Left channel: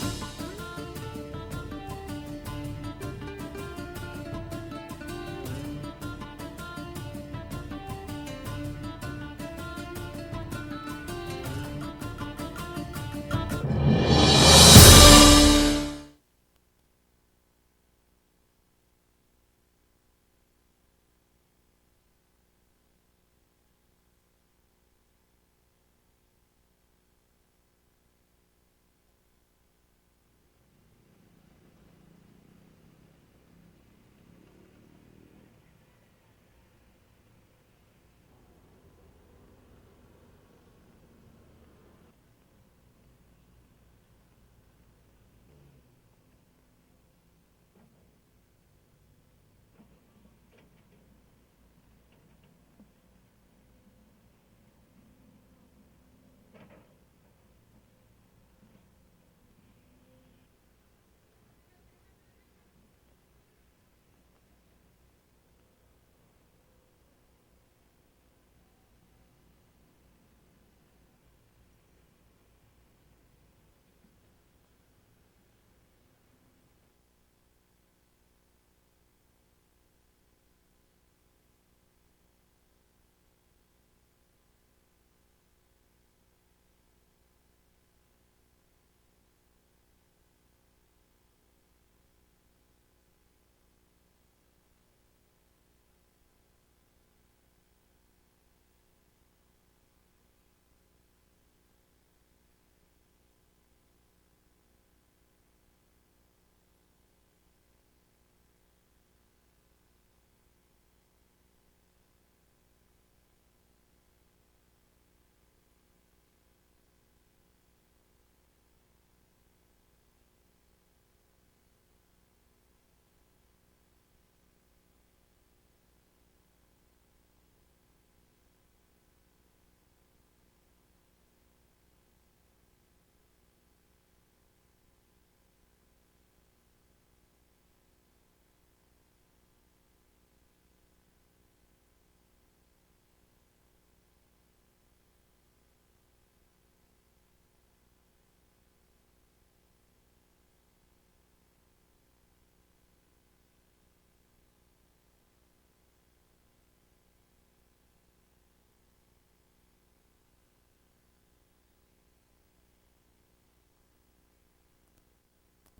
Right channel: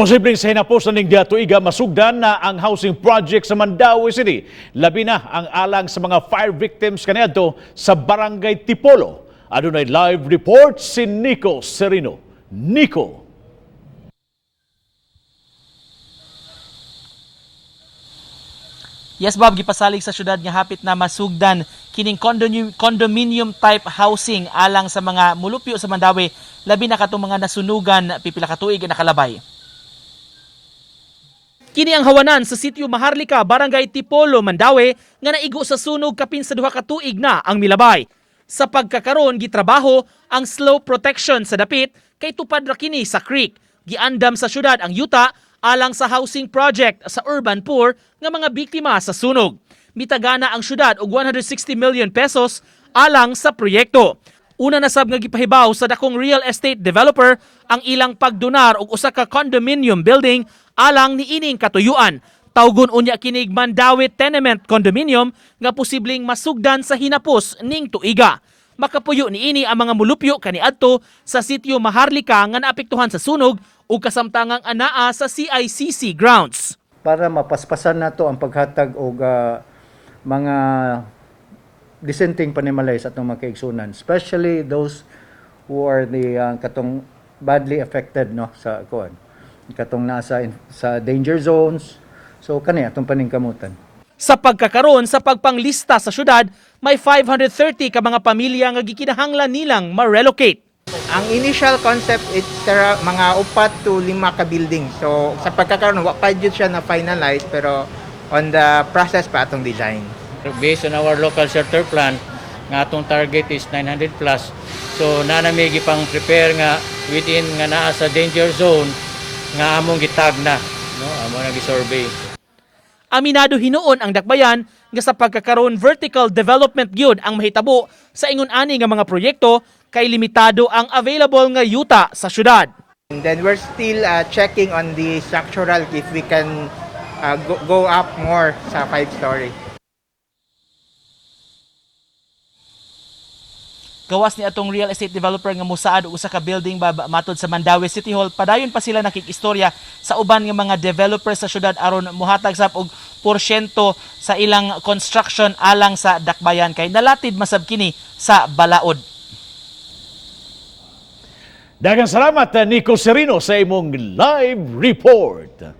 Posibleng sa hinapos na ning tuiga masugdan na ang housing project sa Mandaue City. Labi na ang alang sa mga fire victims kaniadto sa Barangay Tipolo. Adunay live report si Nico Serino. Nico. Yes, Bob, gipasalig sa syudad nga hapit na masugdan kining condominium type housing alang sa mga mulupyo sa Mandaue, labi na katong mga nasunugan pipila ka tuig na nakalabay. Kini ang hawanan sa sitio Maharlika, Barangay Tipolo, Mandaue nga naigo sa sunog kapin sa duha ka tuig na ang milabay. Sa pagkakaron gitrabaho ang slow protection sa dapit kay tupad ra kini sa creek. Giandam sa syudad ang yuta alang sa housing project sa urban poor nga mga biktima sa sunog. Mitagana ang syudad og 160 million pesos alang sa proyekto. Una na sab nga gipahibaw sa dakong real estate developer ang ilang pagdonar og usa ka condominium building alang ni ining katuyuan. Tawgon unya kinig Mandaue Tenement Condominium nga posibleng masugdan sa hinapos ning tuiga. Makapuyo ni ini ang mga mulupyo kaniadto sa sitio Maharlika nga naapektuhan sa sunog ug kasamtangang anaa sa CICC grounds. Para mapaspasan nato ang paghatag og mga dissenting panimalay sa atong mga kaigsunan, especially those who are the katong badly affected no sa kuan, katong nasa sa danger zones. So kani atong paningkamutan. Sa pagkakaroon sa pagpanglista sa syudad, may 530 ka mga pamilya nga gikinahanglan nilang ma-relocate. Ang initial concept is mga 4 to 5 ka building. So sa pagkakaroon wa pa jud siya na finalize pero on the process pa atong design. Based on our local shelter plan, nga atong target is 900 plus. So nanami gipang prepare nga within nga naa sa danger zone nga among gitag na, no? Among nagi-survey. Aminado hinuon ang dakbayan nga sa pagkakaroon vertical development gyud ang mahitabo sa ingon ani nga mga proyekto kay limitado ang available nga yuta sa syudad. And then we're still checking on the structural if we can go up more sa 5-story. Gawas ni atong real estate developer nga mosaad og usa ka building matod sa Mandaue City Hall, padayon pa sila nakikistorya sa uban nga mga developer sa syudad aron muhatag sab og porsyento sa ilang construction alang sa dakbayan kay nalatid masab kini sa balaod. Daghang salamat Nico Serino sa imong live report.